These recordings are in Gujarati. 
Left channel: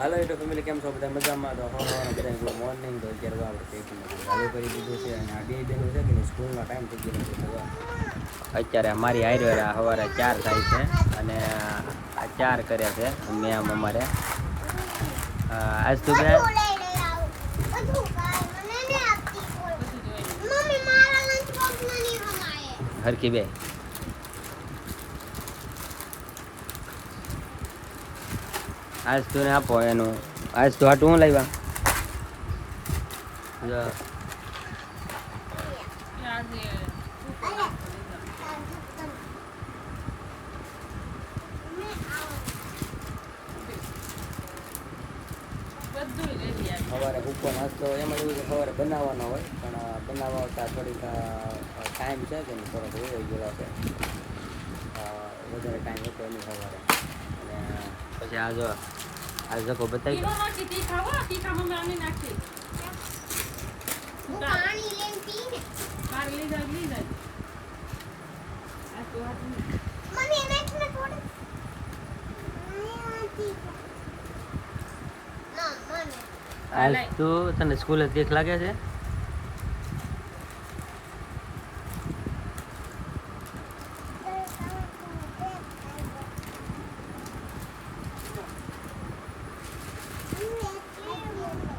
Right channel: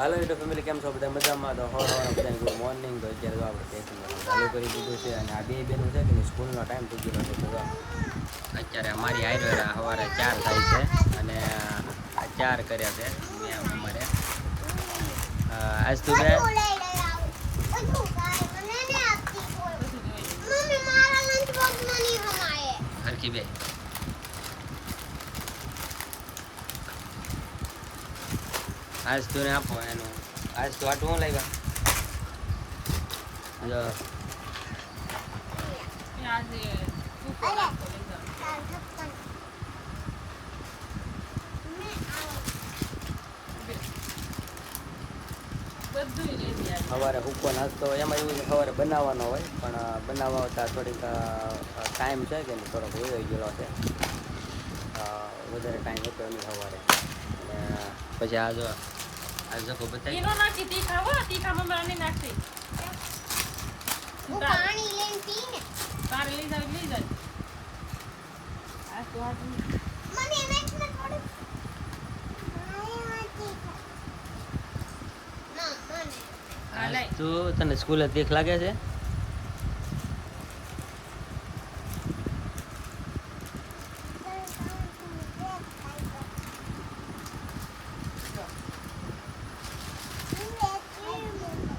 હાલો યુટ્યુબ ફેમિલી કેમ છો બધા મજામાં? તો હવાના બધાને ગુડ મોર્નિંગ. તો અત્યારે તો આપણે પેકિંગ ચાલુ કરી દીધું છે અને આ બે બેનું છે કે સ્કૂલનો ટાઈમ થઈ ગયો છે. તો અત્યારે અમારી આયુર્વેદા સવારે 4 થાય છે અને આ 4 કર્યા છે મેમ અમારે. આજ તું બે હરકી બે આજ તું ને આપો એનું. આજ તો હાટું હું લાવ્યા સવારે ભૂકો નાસ્તો એમાં એવું છે સવારે બનાવવાનો હોય પણ બનાવતા થોડીક ટાઈમ છે કે નહીં થોડોક વયો ગયેલો છે. વધારે ટાઈમ હતો નહીં સવારે. અને પછી આ જો આ જકો બતાવી આજ તો તને સ્કૂલે દેખ લાગે છે.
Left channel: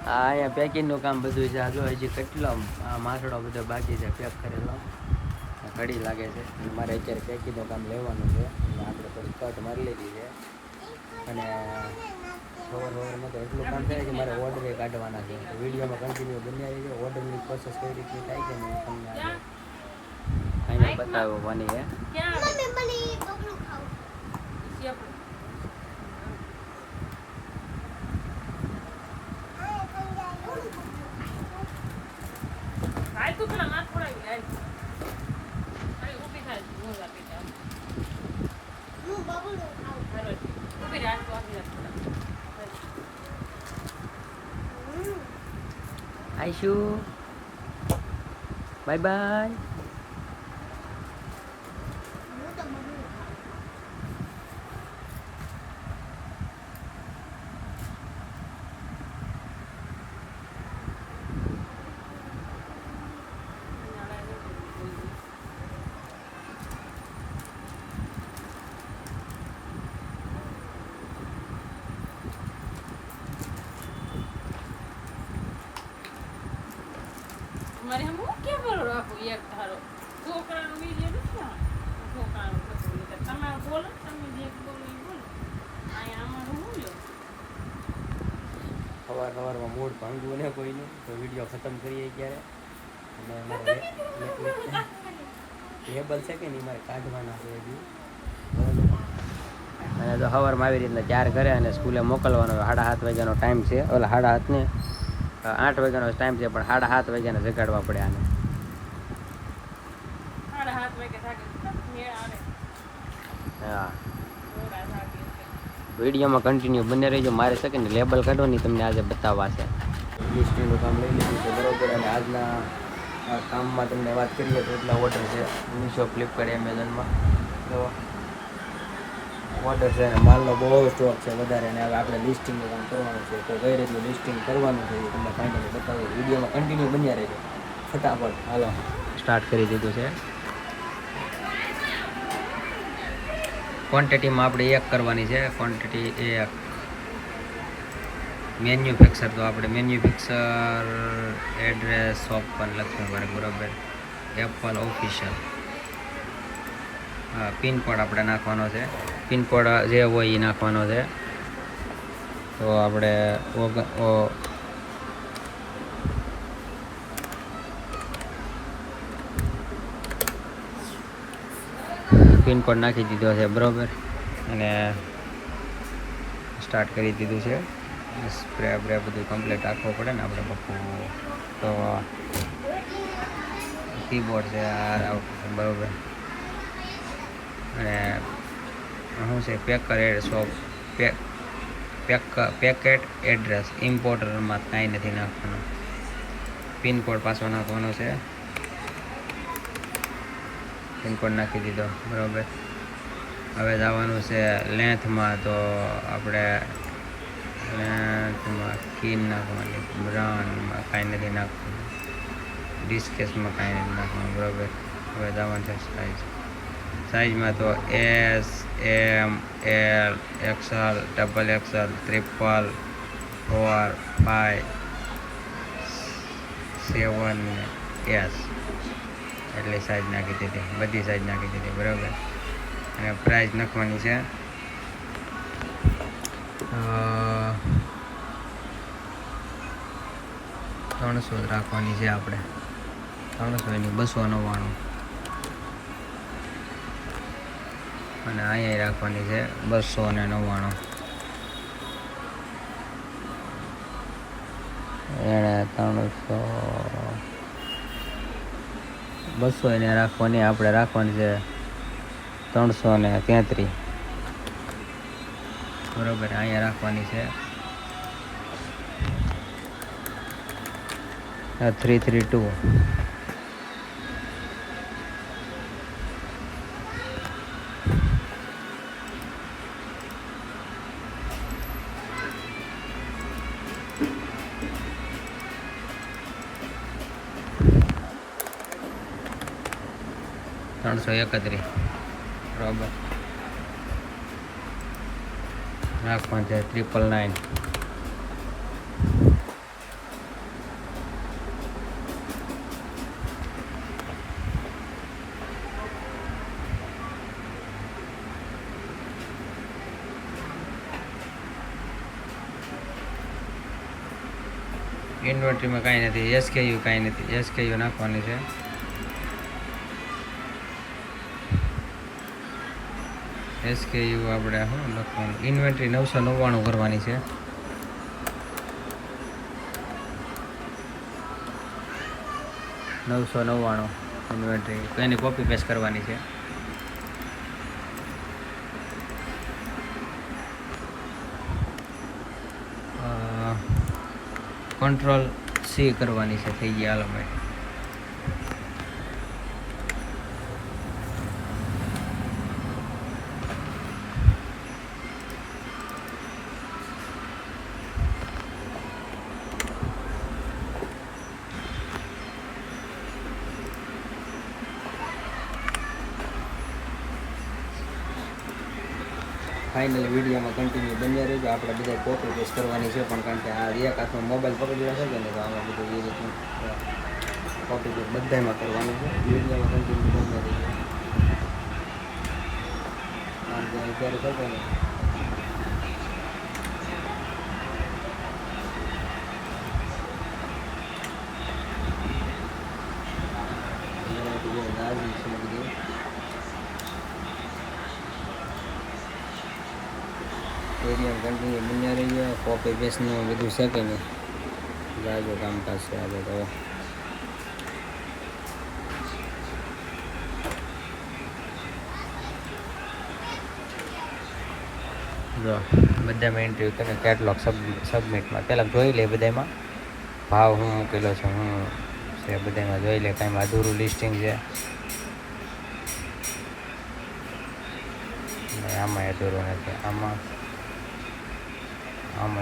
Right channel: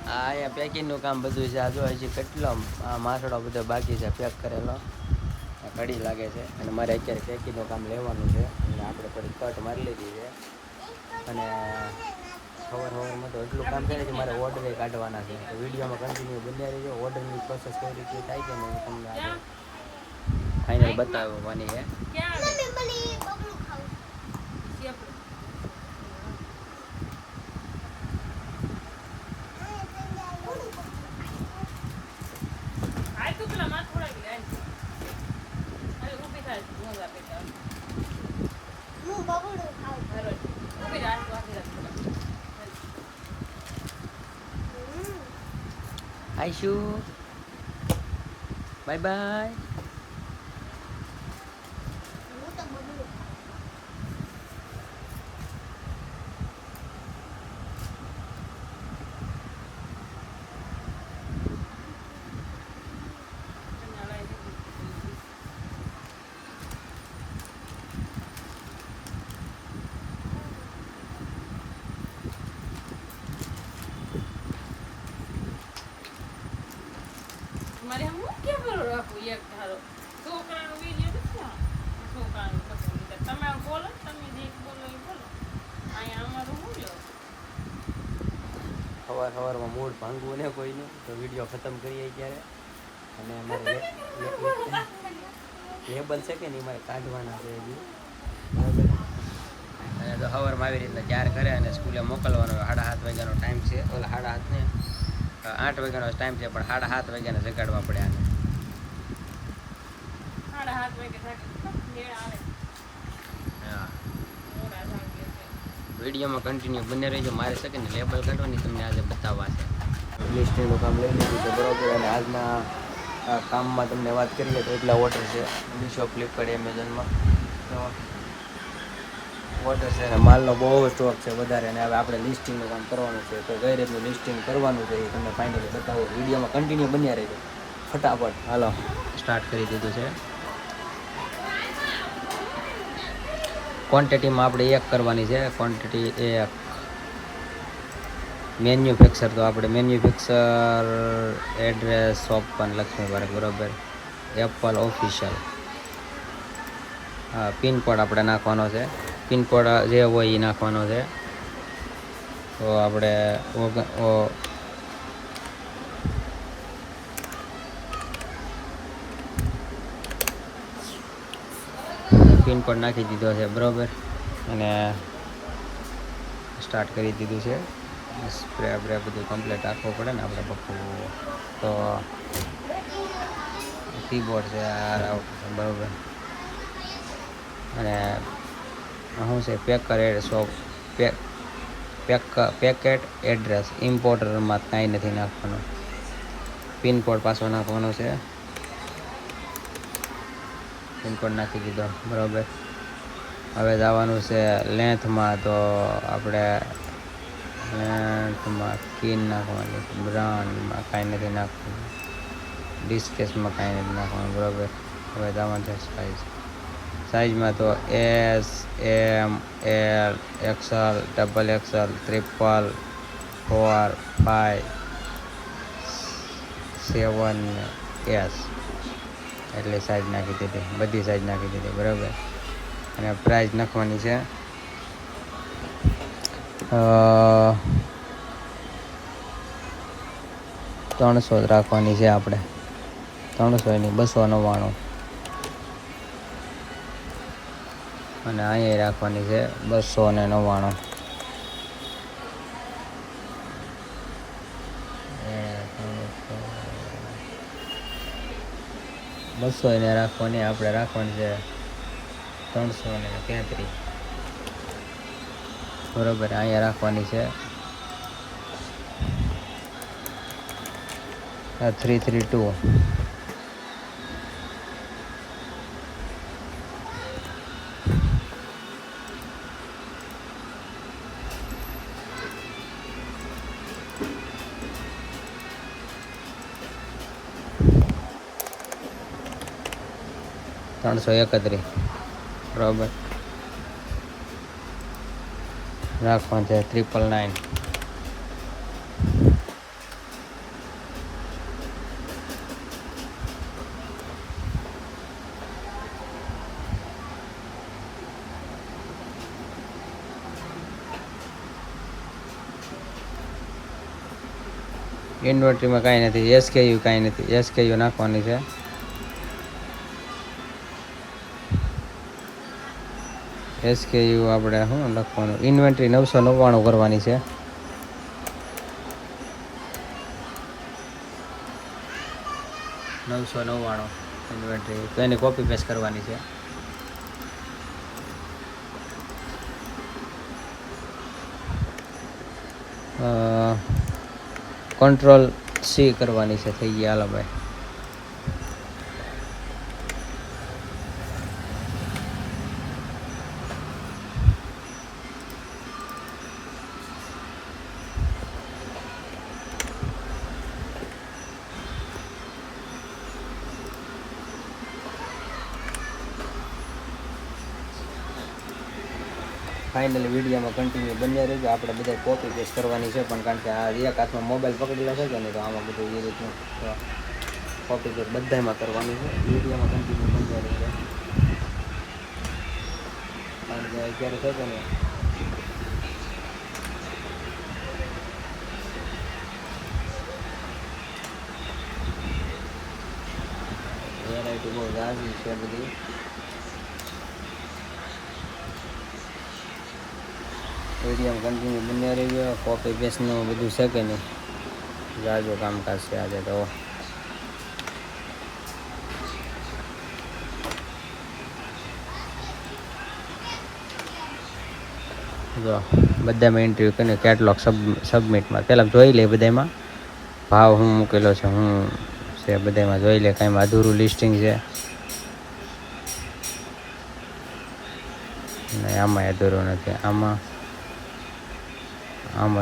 હા અહીંયા પેકિંગનું કામ બધું છે. આ જો હજી કેટલો માસડો બધો બાકી છે પેક કરેલો. ઘડી લાગે છે અને મારે અત્યારે પેકિંગનું કામ લેવાનું છે એટલે આપણે થોડી કટ મારી લીધી છે. અને સવારમાં તો એટલું કામ થાય કે મારે ઓર્ડર કાઢવાના છે. તો વિડીયોમાં કન્ટિન્યુ બન્યા રહીજો. ઓર્ડરની પ્રોસેસ કઈ રીતે થાય છે ને તમને આજે ફાઇનલ બતાવવાની છે. આઈશુ બાય બાય. મારે હું કે બોલો રાખું એક ધારો છોકરાનો વિડિયો નથી આ છોકરાનો બોલો તમે બોલો તમે જે બોલો એ બોલો અહીંયા અમારું હું લ્યો સવારમાં મૂડ ભાંગવું ને કોઈનું તો વિડીયો ખતમ કરીએ ક્યારે. અને મારે લેબલ છે કે નહીં મારે કાઢવાના છે હજી બરાબર. અને તો સવારમાં આવી રીતના 4 કરે અને સ્કૂલે મોકલવાનો 7:30 વાગ્યાનો ટાઈમ છે. ઓલા 7:30 ને 8 વાગ્યાનો ટાઈમ છે પણ 7:30 વાગ્યાને જગાડવા પડે આને. 7:30 વાગે થાકે મેળ આવે. હા વિડીયોમાં કન્ટિન્યુ બને રહેજો. મારે છે કે ને લેબલ કાઢવાની તમને આજે બતાવવા છે. લિસ્ટિંગનું કામ લઈ લીધું છે બરાબર. અને આજના કામમાં તમને વાત કરીએ તો એટલા ઓર્ડર છે મીશો, ફ્લિપકાર્ટ, એમેઝોનમાં ઓર્ડર છે અને માલનો બહુ સ્ટોક છે વધારે. અને હવે આપણે લિસ્ટિંગનું કામ કરવાનું છે. તો કઈ રીતનું લિસ્ટિંગ કરવાનું છે એ તમને ફાઇનલી બતાવો. વિડીયોમાં કન્ટિન્યુ બન્યા રહેજો. ફટાફટ હાલો સ્ટાર્ટ કરી દીધું છે. ક્વોન્ટિટીમાં આપણે 1 કરવાની છે. Quantity 1 manufacture. તો આપણે મેન્યુફેક્ચર એડ્રેસ શોપ પણ લખવું પડે બરાબર. Apple official. હા પિનકોડ આપણે નાખવાનો છે. પિનકોડ જે હોય એ નાખવાનો છે. તો આપણે પિનકોડ નાખી દીધો છે બરાબર. અને સ્ટાર્ટ કરી દીધું છે. સ્પ્રે બ્રે બધું કમ્પ્લીટ રાખવો પડે ને આપણે બખું. તો કીબોર્ડ છે આ બરાબર. અને શું છે પેકર શોપ પેકેટ એડ્રેસ ઇમ્પોર્ટરમાં કાંઈ નથી નાખવાનું. પિનકોડ પાછો નાખવાનો છે. પિનકોડ નાખી દીધો બરાબર. હવે જવાનું છે લેન્થમાં. તો આપણે કીન નાખવાની, બ્રાન્ડમાં કાંઈ નથી નાખવાનું, બિસ્કેટ્સમાં કાંઈ નથી નાખવાનું. બરાબર. હવે જવાનું છે સાઈઝમાં તો S, M, L, XL, double XL, triple, 4, 5, 7, S એટલી સાઈઝ નાખી દીધી, બધી સાઈઝ નાખી દીધી. બરાબર. અને પ્રાઇસ નાખવાની છે 300 જ રાખવાની છે આપણે, 300 ની 299. અને અહીંયા રાખવાની છે 299. એને 200 એને રાખવાની, આપણે રાખવાની છે 333. બરોબર. અહીંયા રાખવાની છે 332. $331. બરાબર. રાખવાનું છે 999. ઇન્વર્ટરીમાં કાંઈ નથી, એસકેયુ કાંઈ નથી, એસકેયુ નાખવાની છે. એસકેયુ આપણે શું લખવાનું, ઇન્વેન્ટરી 999 કરવાની છે. ઇન્વેન્ટરી તો એની કોપી પેસ્ટ કરવાની છે. કંટ્રોલ સી કરવાની છે. થઈ ગયા. હાલો ભાઈ. ફાઇનલી વિડીયોમાં કન્ટિન્યુ બન્યા રહેજો. આપણે બધા કોપી પેસ્ટ કરવાની છે, પણ કારણ કે આ એક હાથમાં મોબાઈલ પકડેલો છે કે નહીં, તો આમાં બધું એ રીતનું કોપી પેસ્ટ બધામાં કરવાનું છે. વિડીયોમાં કન્ટિન્યુ બન્યા રહેજો. કારણ કે અત્યારે છે કે નહીં, વેરાયટી બહુ જાજી છે બધી. વિડીયો કન્ટિન્યુ બન્યા રહી ગયો. કોપી પેસ્ટનું બધું છે કે નહીં, જાજો કામકાજ છે આજે તો. જો બધામાં ઇન્ટરવ્યૂ કરીને કેટલોગ સબમિટમાં પહેલાં જોઈ લે, બધામાં ભાવ શું મૂકેલો છે, શું છે બધામાં જોઈ લે. કાંઈ અધૂરું લિસ્ટિંગ છે, આમાં અધૂરું નથી, આમાં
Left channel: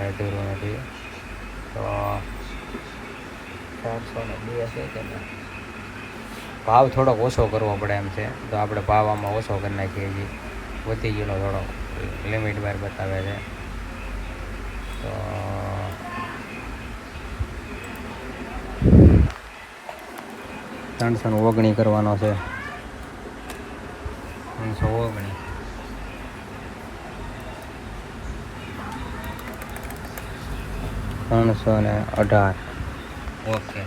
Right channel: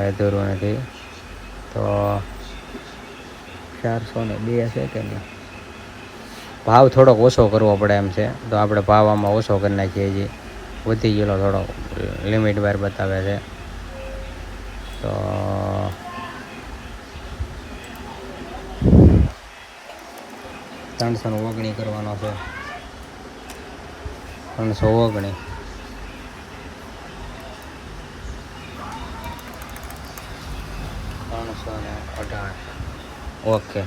અધૂરું નથી. તો 402 છે કે ના, ભાવ થોડોક ઓછો કરવો પડે એમ છે, તો આપણે ભાવ આમાં ઓછો કરી નાખીએ છીએ. વધી ગયેલો થોડો, લિમિટ વાર બતાવે છે. તો 319 કરવાનો છે. 319. $318. ઓકે,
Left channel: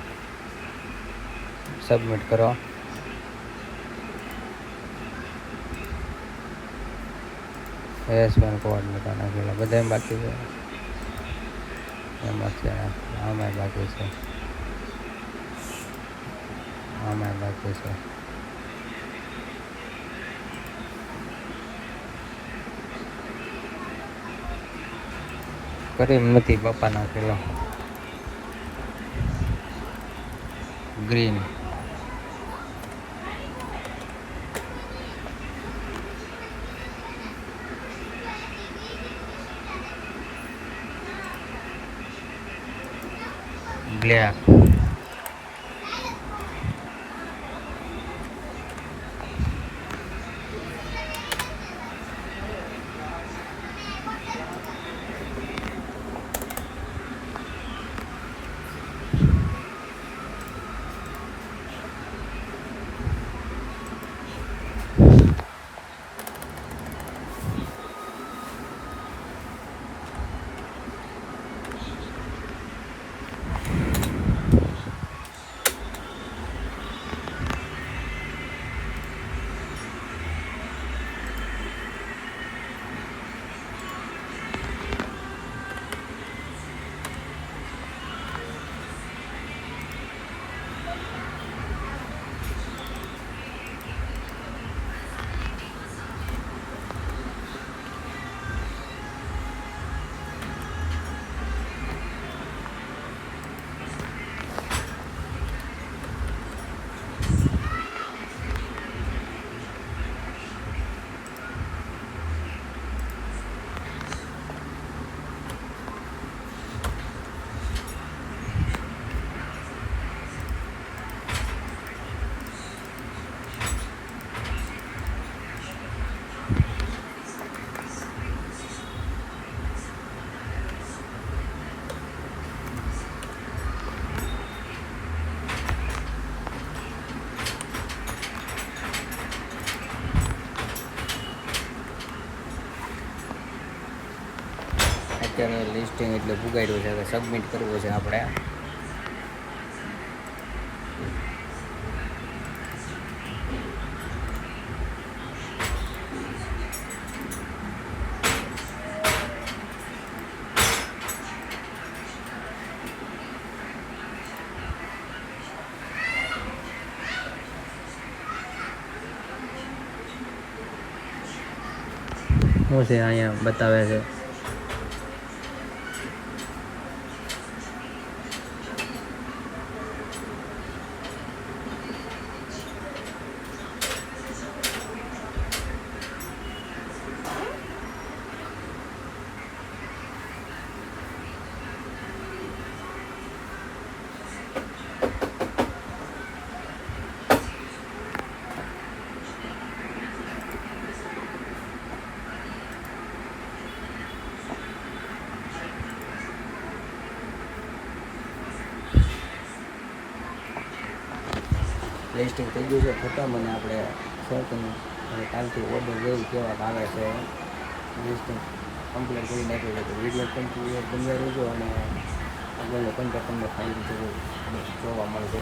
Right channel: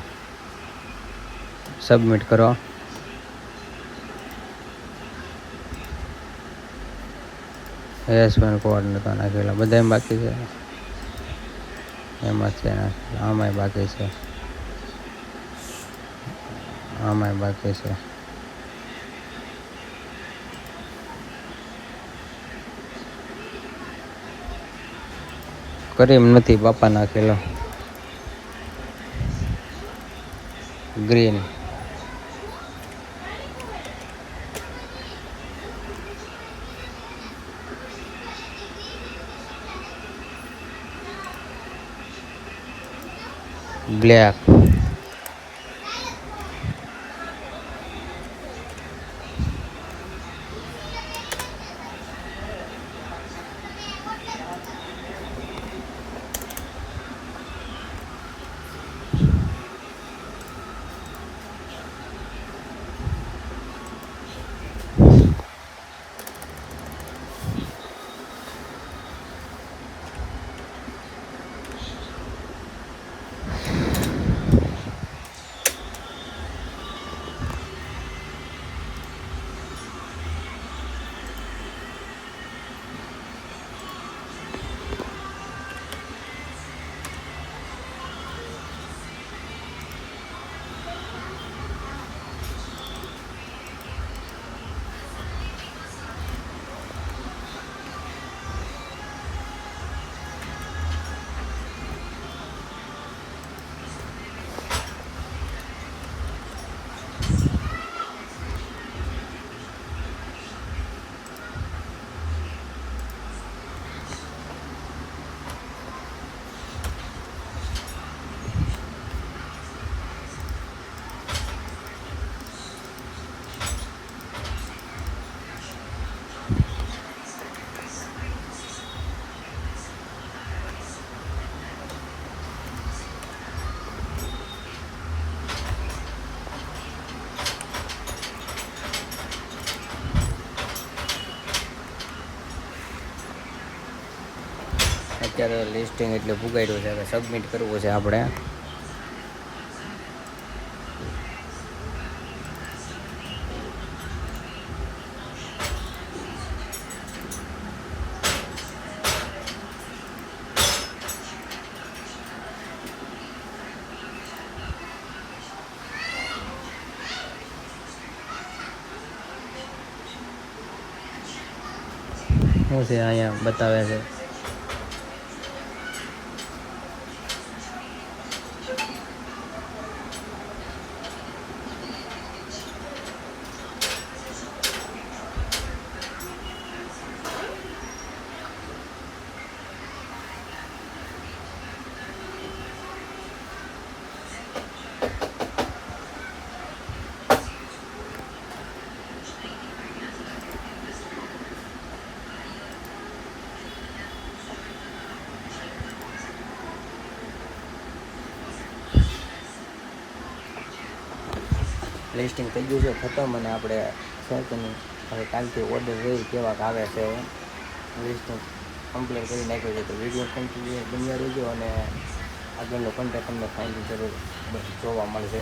સબમિટ કરો. એસમેન્ટ કોડ નતા નાખેલા, બધા એમ બાકી છે. એમાં છે, આમાંય બાકી છે, આમાંય બાકી છે. કરીમ નથી બાપા નાખેલો. Green black. અત્યારે લિસ્ટિંગ એટલે પુગાડ્યું છે કે સબમિટ કરવું છે આપણે. શું છે અહીંયા બતાવે છે. લિસ્ટિંગ થઈ ગયું છે ખતમ અને આપણે શર્ટનું હવે કાલથી ઓર્ડર રહી કેવાક આવે છે. લિસ્ટિંગ કમ્પ્લીટ કરી નાખ્યું છે. તો વિડીયો કન્ટિન્યુ બન્યા રહેજો અને આગળનો કોન્ટેક્ટ તમને ફાઇનલ જરૂર જોવા મળશે.